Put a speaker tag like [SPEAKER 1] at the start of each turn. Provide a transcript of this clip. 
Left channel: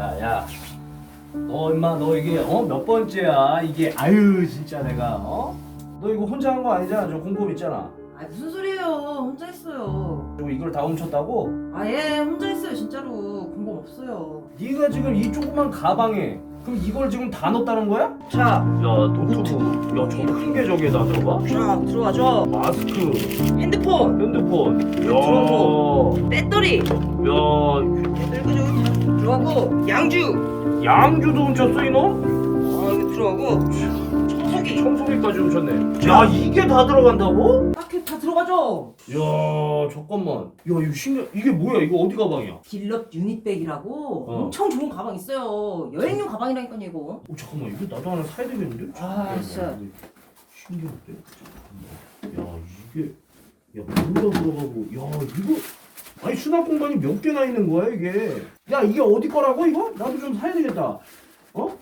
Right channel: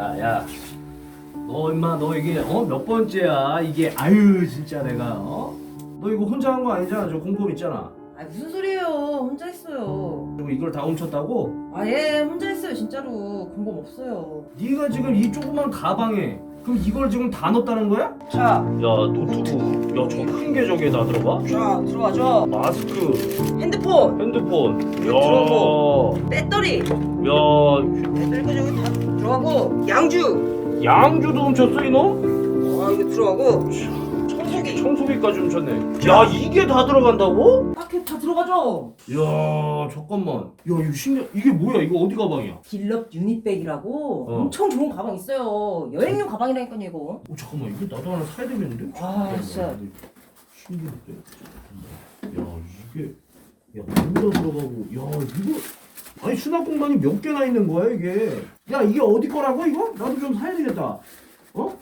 [SPEAKER 1] 야, 너 임마 너 이게 어 몇 번째야 이게 아유 진짜 내가 어? 너 이거 혼자 한 거 아니잖아 저 공범 있잖아.
[SPEAKER 2] 아 무슨 소리예요? 혼자 했어요.
[SPEAKER 1] 그리고 이걸 다 훔쳤다고?
[SPEAKER 2] 아예 혼자 했어요 진짜로 공범 없어요.
[SPEAKER 1] 네가 지금 이 조그만 가방에 그럼 이걸 지금 다 넣었다는 거야?
[SPEAKER 2] 자,
[SPEAKER 1] 야 노트북, 야저큰게 저기에다 저거?
[SPEAKER 2] 자 들어가죠.
[SPEAKER 1] 마스크,
[SPEAKER 2] 핸드폰,
[SPEAKER 1] 핸드폰,
[SPEAKER 2] 이거 들어오고. 배터리,
[SPEAKER 1] 야,
[SPEAKER 2] 긁어주면 들어가고 양주.
[SPEAKER 1] 양주도 훔쳤어 이놈?
[SPEAKER 2] 아 이거 들어가고 청소기.
[SPEAKER 1] 청소기까지 훔쳤네. 야 이게 다 들어간다고?
[SPEAKER 2] 딱히 다 들어가죠.
[SPEAKER 1] 야 잠깐만. 야 이거 신기해. 이게 뭐야? 이거 어디 가방이야?
[SPEAKER 2] 딜럽 유니백이라고
[SPEAKER 1] 어.
[SPEAKER 2] 엄청 좋은 가방 있어요. 여행용 가방이라니까요 이거.
[SPEAKER 1] 어 잠깐만 이거 나도 하나 사야 되겠는데?
[SPEAKER 2] 아,
[SPEAKER 1] 야,
[SPEAKER 2] 진짜.
[SPEAKER 1] 신기한데? 야 이게 야 물도 들어가고 야 이거 아니 수납공간이 몇 개나 있는 거야 이게 야 이게 어디 거라고 이거? 나도 좀 사야 되겠다 어?